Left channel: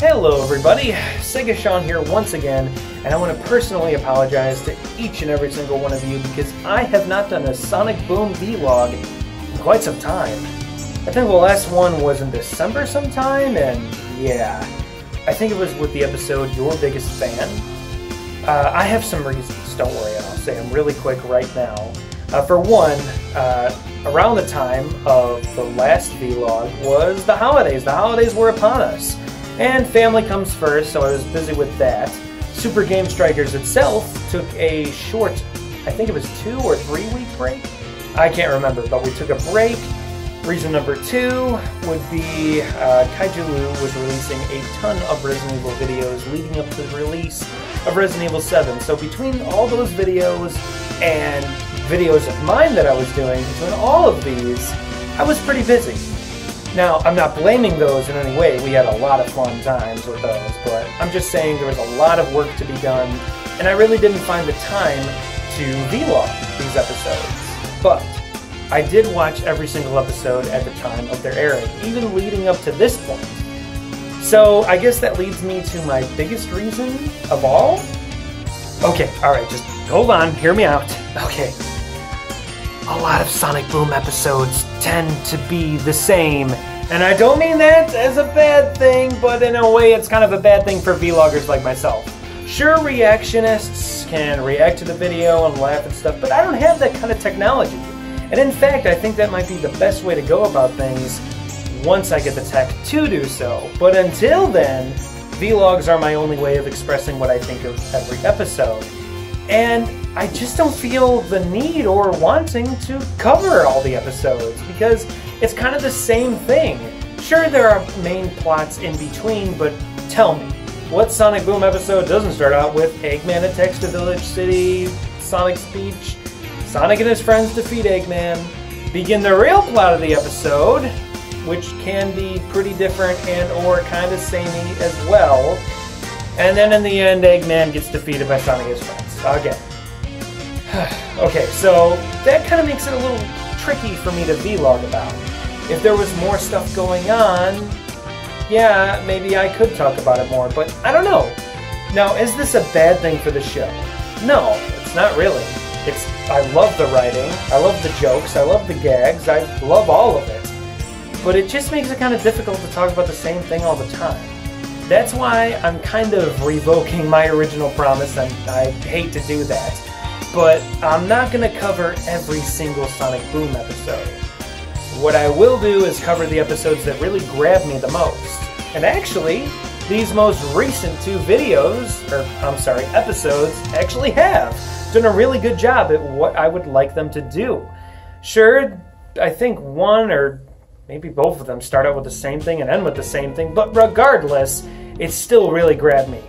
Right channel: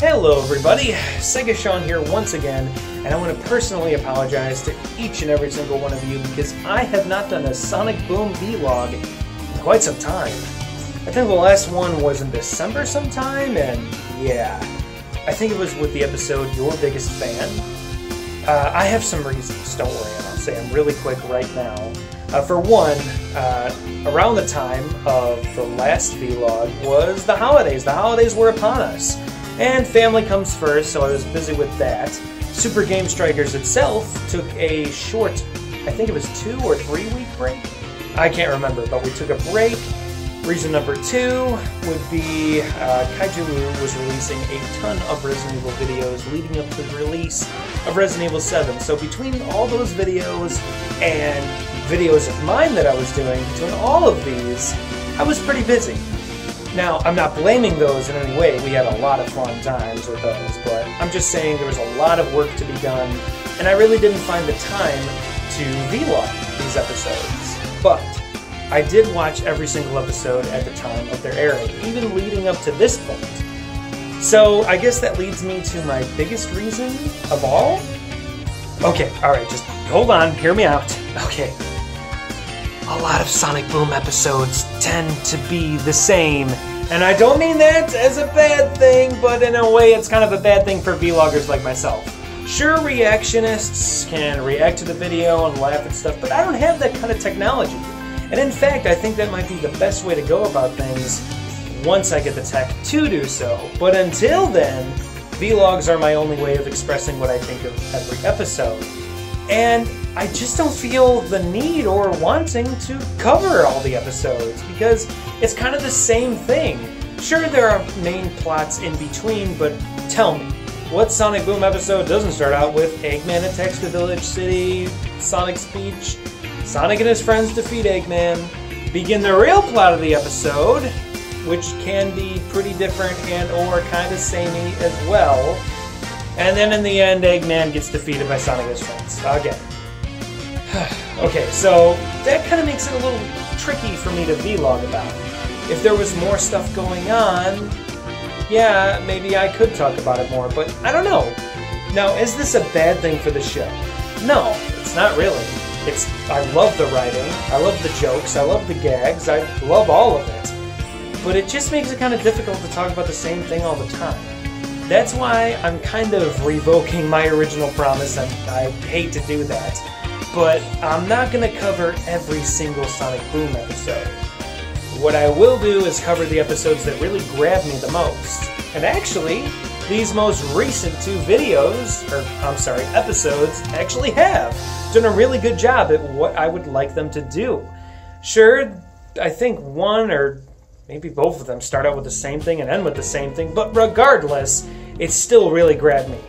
Hello everybody, Sega Sean here once again, and I want to personally apologize to each and every single one of you because I have not done a Sonic Boom vlog in quite some time. I think the last one was in December sometime, and yeah, I think it was with the episode Your Biggest Fan. I have some reasons, don't worry, and I'll say them really quick right now. For one, around the time of the last vlog was the holidays. The holidays were upon us. And family comes first, so I was busy with that. Super Game Strikers itself took a short, I think it was 2 or 3 week break? I can't remember, but we took a break. Reason number 2 would be Kaiju was releasing a ton of Resident Evil videos leading up to the release of Resident Evil 7. So between all those videos and videos of mine that I was doing, between all of these, I was pretty busy. Now, I'm not blaming those in any way. We had a lot of fun times with those, but I'm just saying there was a lot of work to be done, and I really didn't find the time to vlog these episodes. But I did watch every single episode at the time of their airing, even leading up to this point. So I guess that leads me to my biggest reason of all. Okay, alright, just hold on, hear me out. Okay. A lot of Sonic Boom episodes tend to be the same. And I don't mean that as a bad thing, but in a way it's kind of a bad thing for vloggers like myself. Sure, reactionists can react to the video and laugh and stuff, but I don't have that kind of technology. And in fact, I think that might be the best way to go about things once I get the tech to do so. But until then, vlogs are my only way of expressing what I think of every episode. And I just don't feel the need or wanting to cover all the episodes because it's kind of the same thing. Sure, there are main plots in between, but tell me, what Sonic Boom episode doesn't start out with Eggman attacks the village city, Sonic's speech, Sonic and his friends defeat Eggman, begin the real plot of the episode, which can be pretty different and or kind of samey as well, and then in the end, Eggman gets defeated by Sonic and his friends. Again. Okay, so that kind of makes it a little tricky for me to vlog about. If there was more stuff going on, yeah, maybe I could talk about it more, but I don't know. Now, is this a bad thing for the show? No, it's not really. I love the writing, I love the jokes, I love the gags, I love all of it. But it just makes it kind of difficult to talk about the same thing all the time. That's why I'm kind of revoking my original promise, and I hate to do that. But I'm not going to cover every single Sonic Boom episode. What I will do is cover the episodes that really grab me the most. And actually, these most recent 2 episodes actually have done a really good job at what I would like them to do. Sure, I think one or maybe both of them start out with the same thing and end with the same thing, but regardless, it still really grabbed me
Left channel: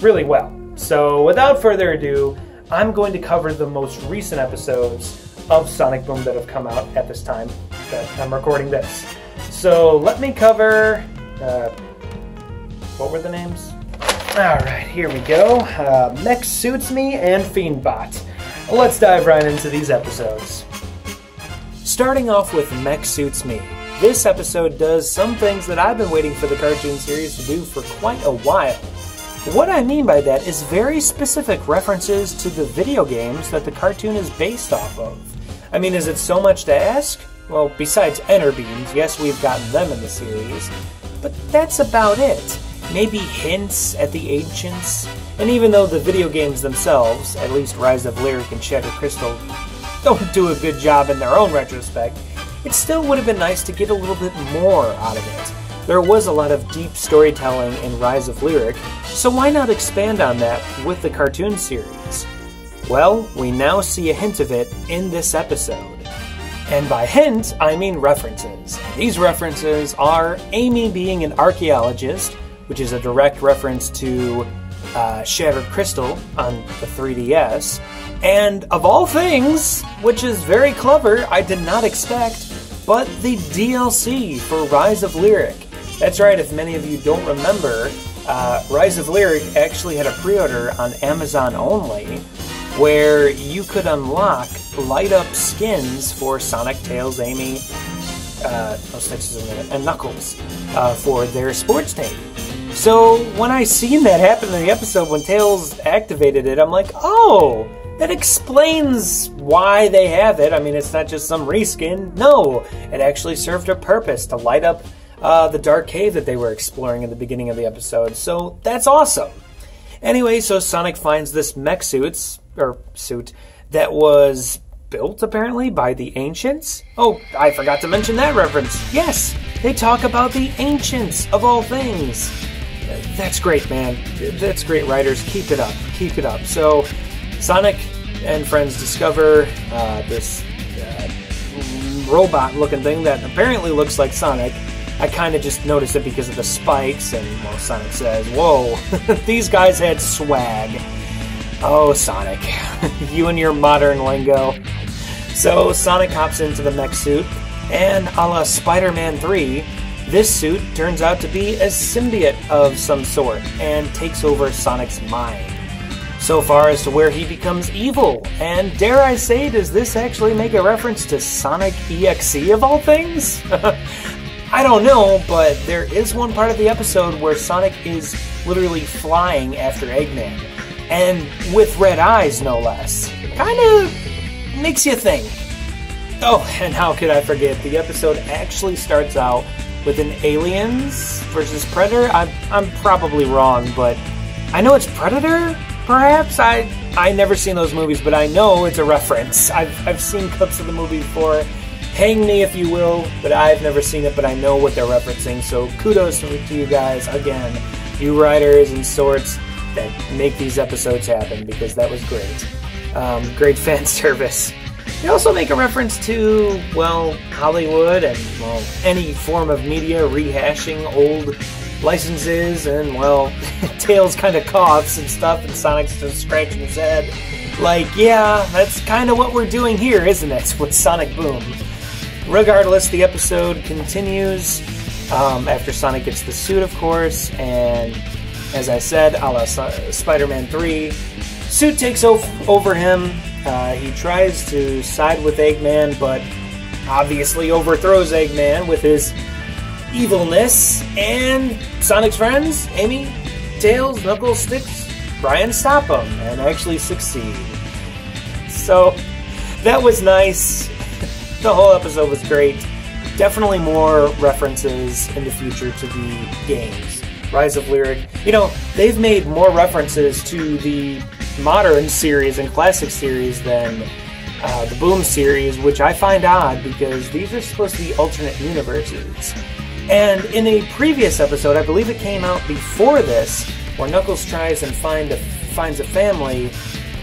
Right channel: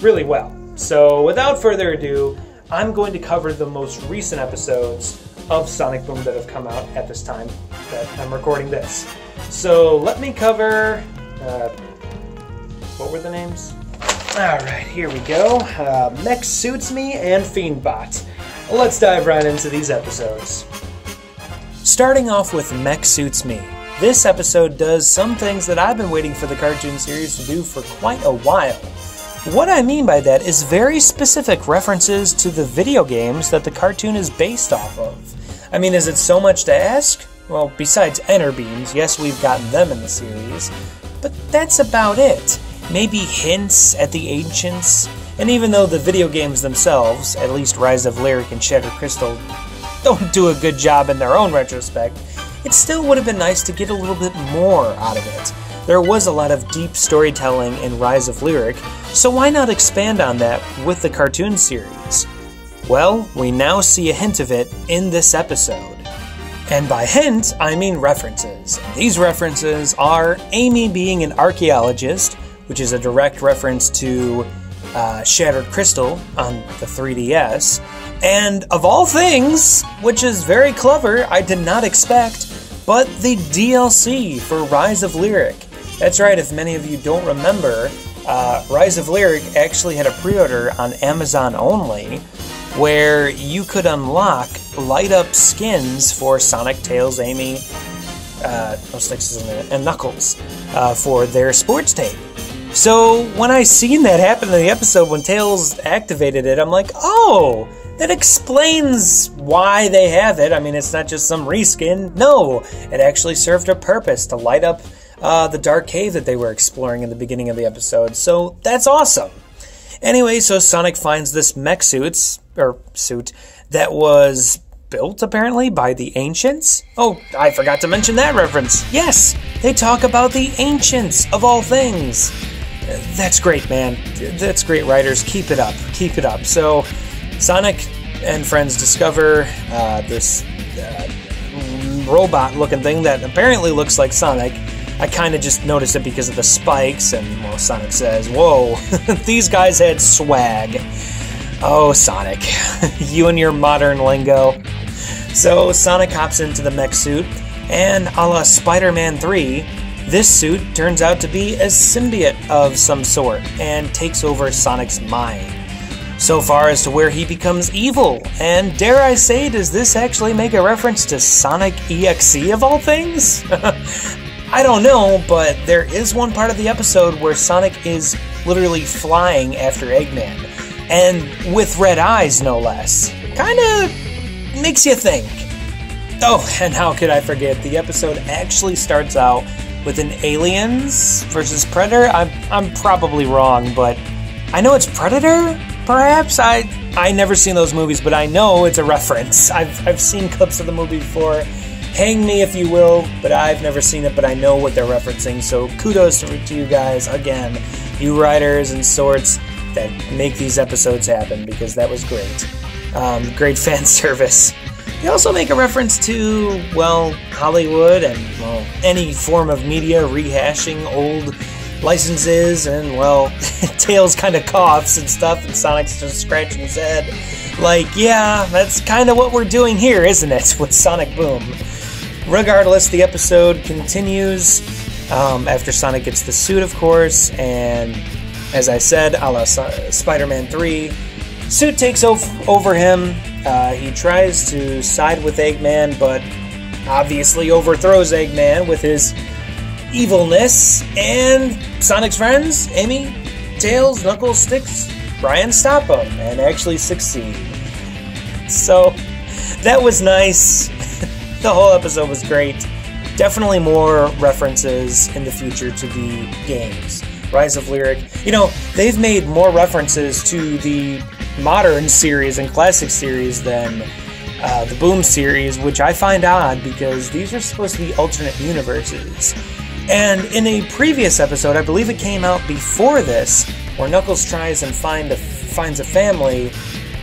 really well. So without further ado, I'm going to cover the most recent episodes of Sonic Boom that have come out at this time that I'm recording this. So let me cover, what were the names? Alright, here we go. Mech Suits Me and Fiendbot. Let's dive right into these episodes. Starting off with Mech Suits Me. This episode does some things that I've been waiting for the cartoon series to do for quite a while. What I mean by that is very specific references to the video games that the cartoon is based off of. I mean, is it so much to ask? Well, besides Enter Beams, yes, we've gotten them in the series, but that's about it. Maybe hints at the Ancients, and even though the video games themselves, at least Rise of Lyric and Shattered Crystal, don't do a good job in their own retrospect, it still would have been nice to get a little bit more out of it. There was a lot of deep storytelling in Rise of Lyric, so why not expand on that with the cartoon series? Well, we now see a hint of it in this episode. And by hint, I mean references. These references are Amy being an archaeologist, which is a direct reference to Shattered Crystal on the 3DS, and of all things, which is very clever, I did not expect, but the DLC for Rise of Lyric. That's right, if many of you don't remember, Rise of Lyric actually had a pre-order on Amazon only, where you could unlock light-up skins for Sonic, Tails, Amy, and Knuckles for their sports team. So when I seen that happen in the episode when Tails activated it, I'm like, oh, that explains why they have it. I mean, it's not just some reskin. No, it actually served a purpose to light up the dark cave that they were exploring in the beginning of the episode. So that's awesome. Anyway, so Sonic finds this mech suit that was built, apparently, by the Ancients. Oh, I forgot to mention that reference. Yes, they talk about the Ancients, of all things. That's great, man. That's great, writers. Keep it up. Keep it up. So, Sonic and friends discover this robot-looking thing that apparently looks like Sonic. I kind of just noticed it because of the spikes, and well, Sonic says, whoa, these guys had swag. Oh, Sonic, you and your modern lingo. So Sonic hops into the mech suit, and a la Spider-Man 3, this suit turns out to be a symbiote of some sort, and takes over Sonic's mind. So far as to where he becomes evil, and dare I say, does this actually make a reference to Sonic EXE of all things? I don't know, but there is one part of the episode where Sonic is literally flying after Eggman, and with red eyes, no less. Kinda makes you think. Oh, and how could I forget, the episode actually starts out with an Aliens versus Predator. I'm probably wrong, but I know it's Predator, perhaps? I never seen those movies, but I know it's a reference. I've seen clips of the movie before. Hang me if you will, but I've never seen it, but I know what they're referencing, so kudos to you guys, again, you writers and sorts that make these episodes happen, because that was great. Great fan service. They also make a reference to, well, Hollywood and, well, any form of media rehashing old licenses, and, well, Tails kind of coughs and stuff, and Sonic's just scratching his head. Like, yeah, that's kind of what we're doing here, isn't it, with Sonic Boom? Regardless, the episode continues after Sonic gets the suit, of course, and as I said, a la Spider-Man 3, suit takes over him. He tries to side with Eggman, but obviously overthrows Eggman with his evilness, and Sonic's friends, Amy, Tails, Knuckles, Sticks, try and stop him, and actually succeed. So, that was nice. The whole episode was great. Definitely more references in the future to the games. Rise of Lyric. You know, they've made more references to the modern series and classic series than the Boom series, which I find odd because these are supposed to be alternate universes. And in a previous episode, I believe it came out before this, where Knuckles tries and finds a family,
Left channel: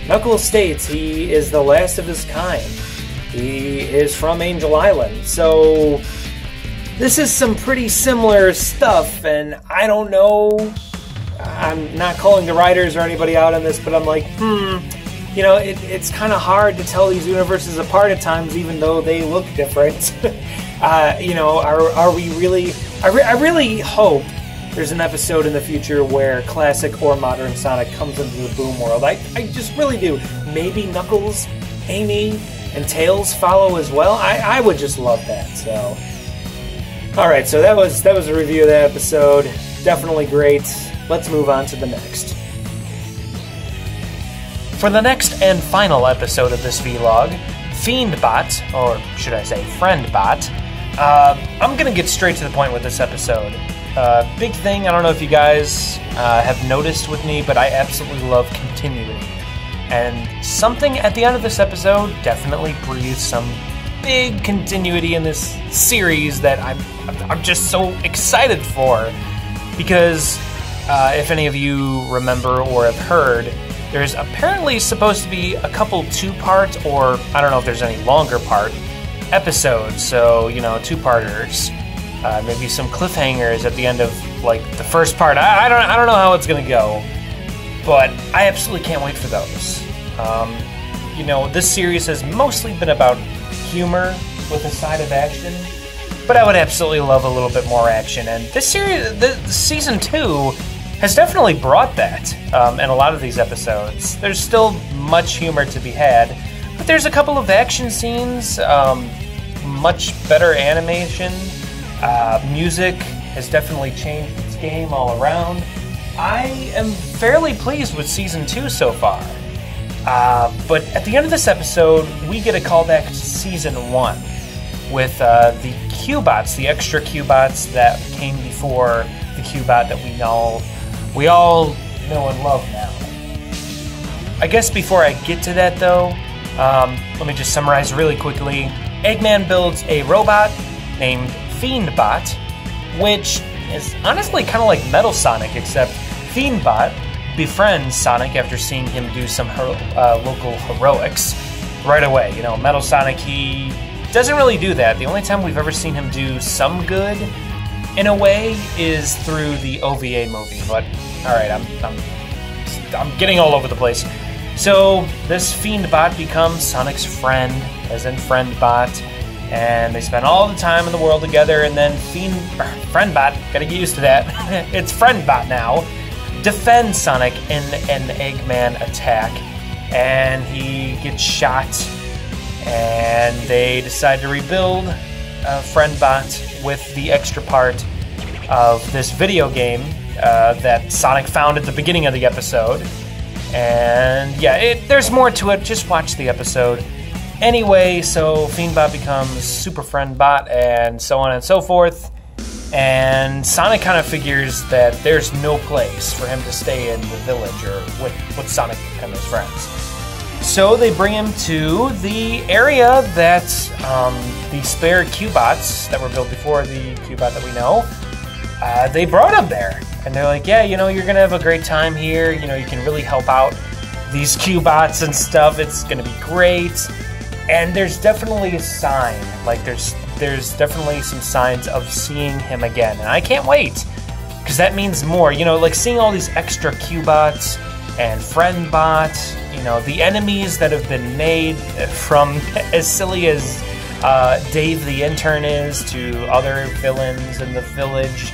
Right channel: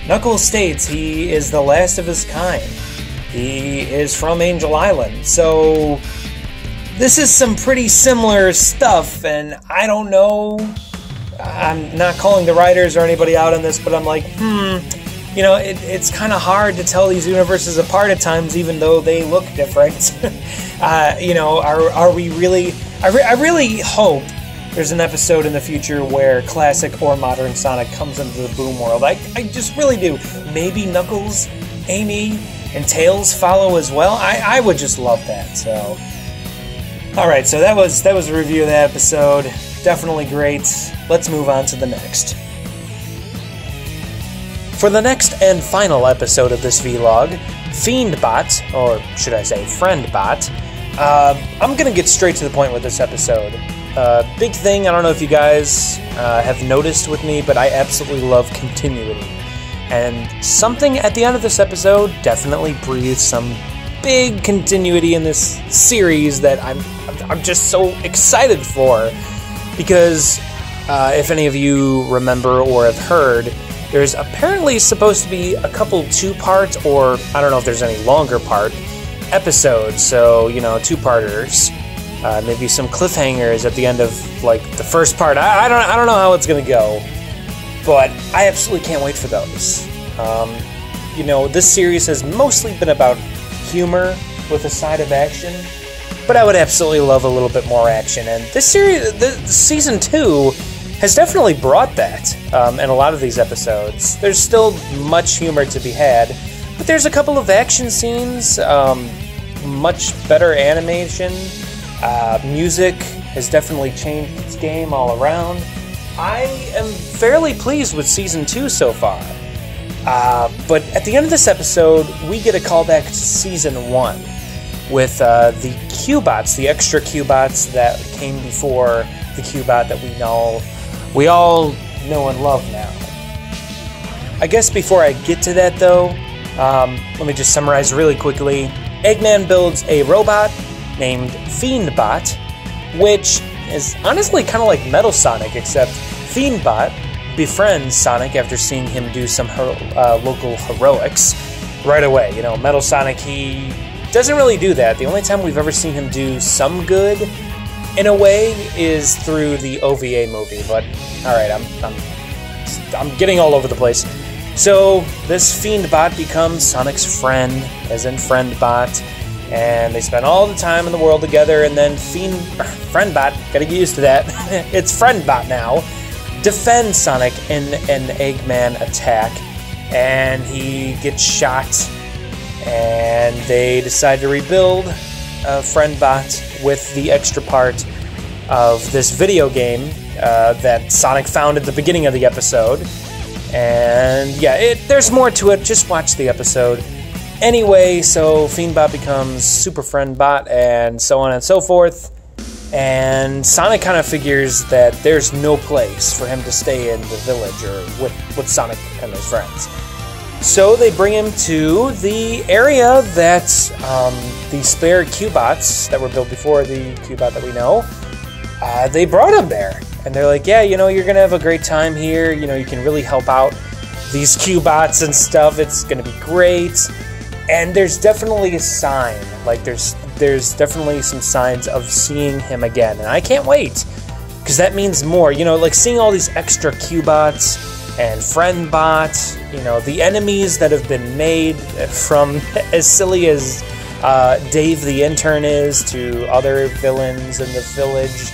Knuckles states he is the last of his kind. He is from Angel Island, so this is some pretty similar stuff, and I don't know, I'm not calling the writers or anybody out on this, but I'm like, you know, it's kind of hard to tell these universes apart at times, even though they look different. You know, are we really, I really hope there's an episode in the future where classic or modern Sonic comes into the Boom world. I just really do. Maybe Knuckles, Amy, and Tails follow as well. I would just love that. So, all right. So that was a review of that episode. Definitely great. Let's move on to the next. For the next and final episode of this vlog, Fiendbot, or should I say Friendbot, I'm gonna get straight to the point with this episode. Big thing. I don't know if you guys have noticed with me, but I absolutely love continuity. And something at the end of this episode definitely breathes some big continuity in this series that I'm just so excited for. Because if any of you remember or have heard, there's apparently supposed to be a couple two-part, or I don't know if there's any longer part, episodes. So, you know, two-parters. Maybe some cliffhangers at the end of, like, the first part. I don't know how it's going to go. But I absolutely can't wait for those. You know, this series has mostly been about humor with a side of action, but I would absolutely love a little bit more action. And this series, season 2, has definitely brought that in a lot of these episodes. There's still much humor to be had, but there's a couple of action scenes, much better animation, music has definitely changed. It's game all around. I am fairly pleased with Season 2 so far. But at the end of this episode, we get a callback to Season 1 with the Q-bots, the extra Q-bots that came before the Q-bot that we all know and love now. I guess before I get to that though, let me just summarize really quickly. Eggman builds a robot named Fiendbot, which is honestly kind of like Metal Sonic, except Fiendbot befriends Sonic after seeing him do some local heroics right away. You know, Metal Sonic, he doesn't really do that. The only time we've ever seen him do some good, in a way, is through the OVA movie. But alright, I'm getting all over the place. So this Fiendbot becomes Sonic's friend, as in Friendbot, and they spend all the time in the world together, and then Friendbot, gotta get used to that, it's Friendbot now, defends Sonic in an Eggman attack, and he gets shot, and they decide to rebuild Friendbot with the extra part of this video game that Sonic found at the beginning of the episode. And yeah, there's more to it, just watch the episode. Anyway, so Fiendbot becomes Super Friendbot and so on and so forth. And Sonic kind of figures that there's no place for him to stay in the village or with Sonic and his friends. So they bring him to the area that the spare Q-bots that were built before the Q-bot that we know, they brought him there. And they're like, yeah, you know, you're going to have a great time here. You know, you can really help out these Q-bots and stuff. It's going to be great. And there's definitely a sign. Like, there's definitely some signs of seeing him again. And I can't wait, because that means more. You know, like seeing all these extra Q-bots and Friendbot, you know, the enemies that have been made from as silly as Dave the Intern is to other villains in the village.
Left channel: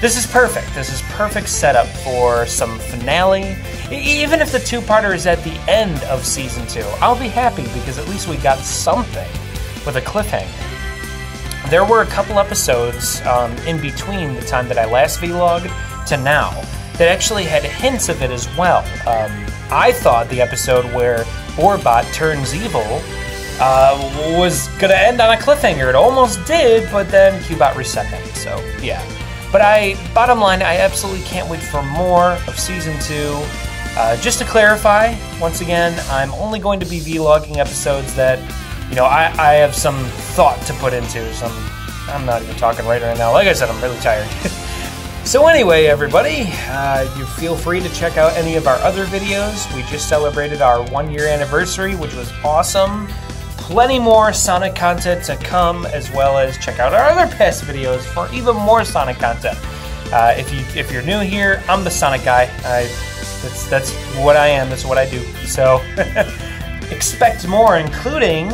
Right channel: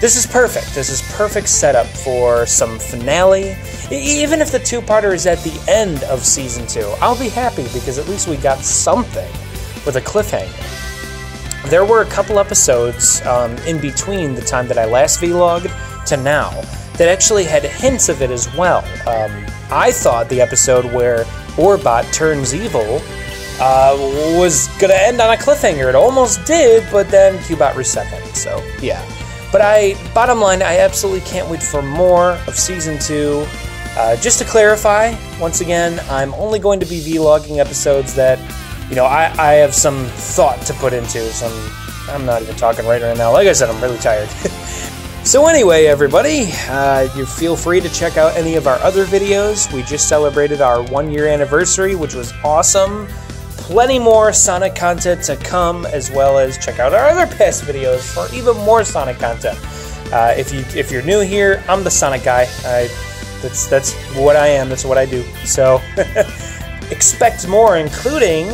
This is perfect. This is perfect setup for some finale. Even if the two-parter is at the end of Season 2, I'll be happy because at least we got something with a cliffhanger. There were a couple episodes in between the time that I last vlogged to now that actually had hints of it as well. I thought the episode where Orbot turns evil was going to end on a cliffhanger. It almost did, but then Q-bot reset them, so yeah. But bottom line, I absolutely can't wait for more of Season 2. Just to clarify, once again, I'm only going to be vlogging episodes that, you know, I have some thought to put into. I'm not even talking right now. Like I said, I'm really tired. So anyway, everybody, you feel free to check out any of our other videos. We just celebrated our 1-year anniversary, which was awesome. Plenty more Sonic content to come, as well as check out our other past videos for even more Sonic content. If you're new here, I'm the Sonic guy. That's what I am. That's what I do. So expect more, including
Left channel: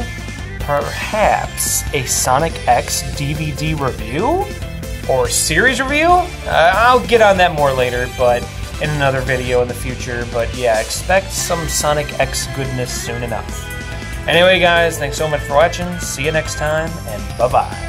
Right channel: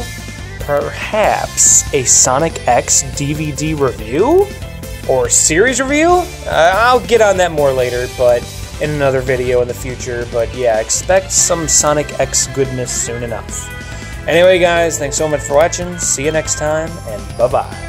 perhaps a Sonic X DVD review or series review. I'll get on that more later, but in another video in the future. But yeah, expect some Sonic X goodness soon enough. Anyway, guys, thanks so much for watching. See you next time, and bye-bye.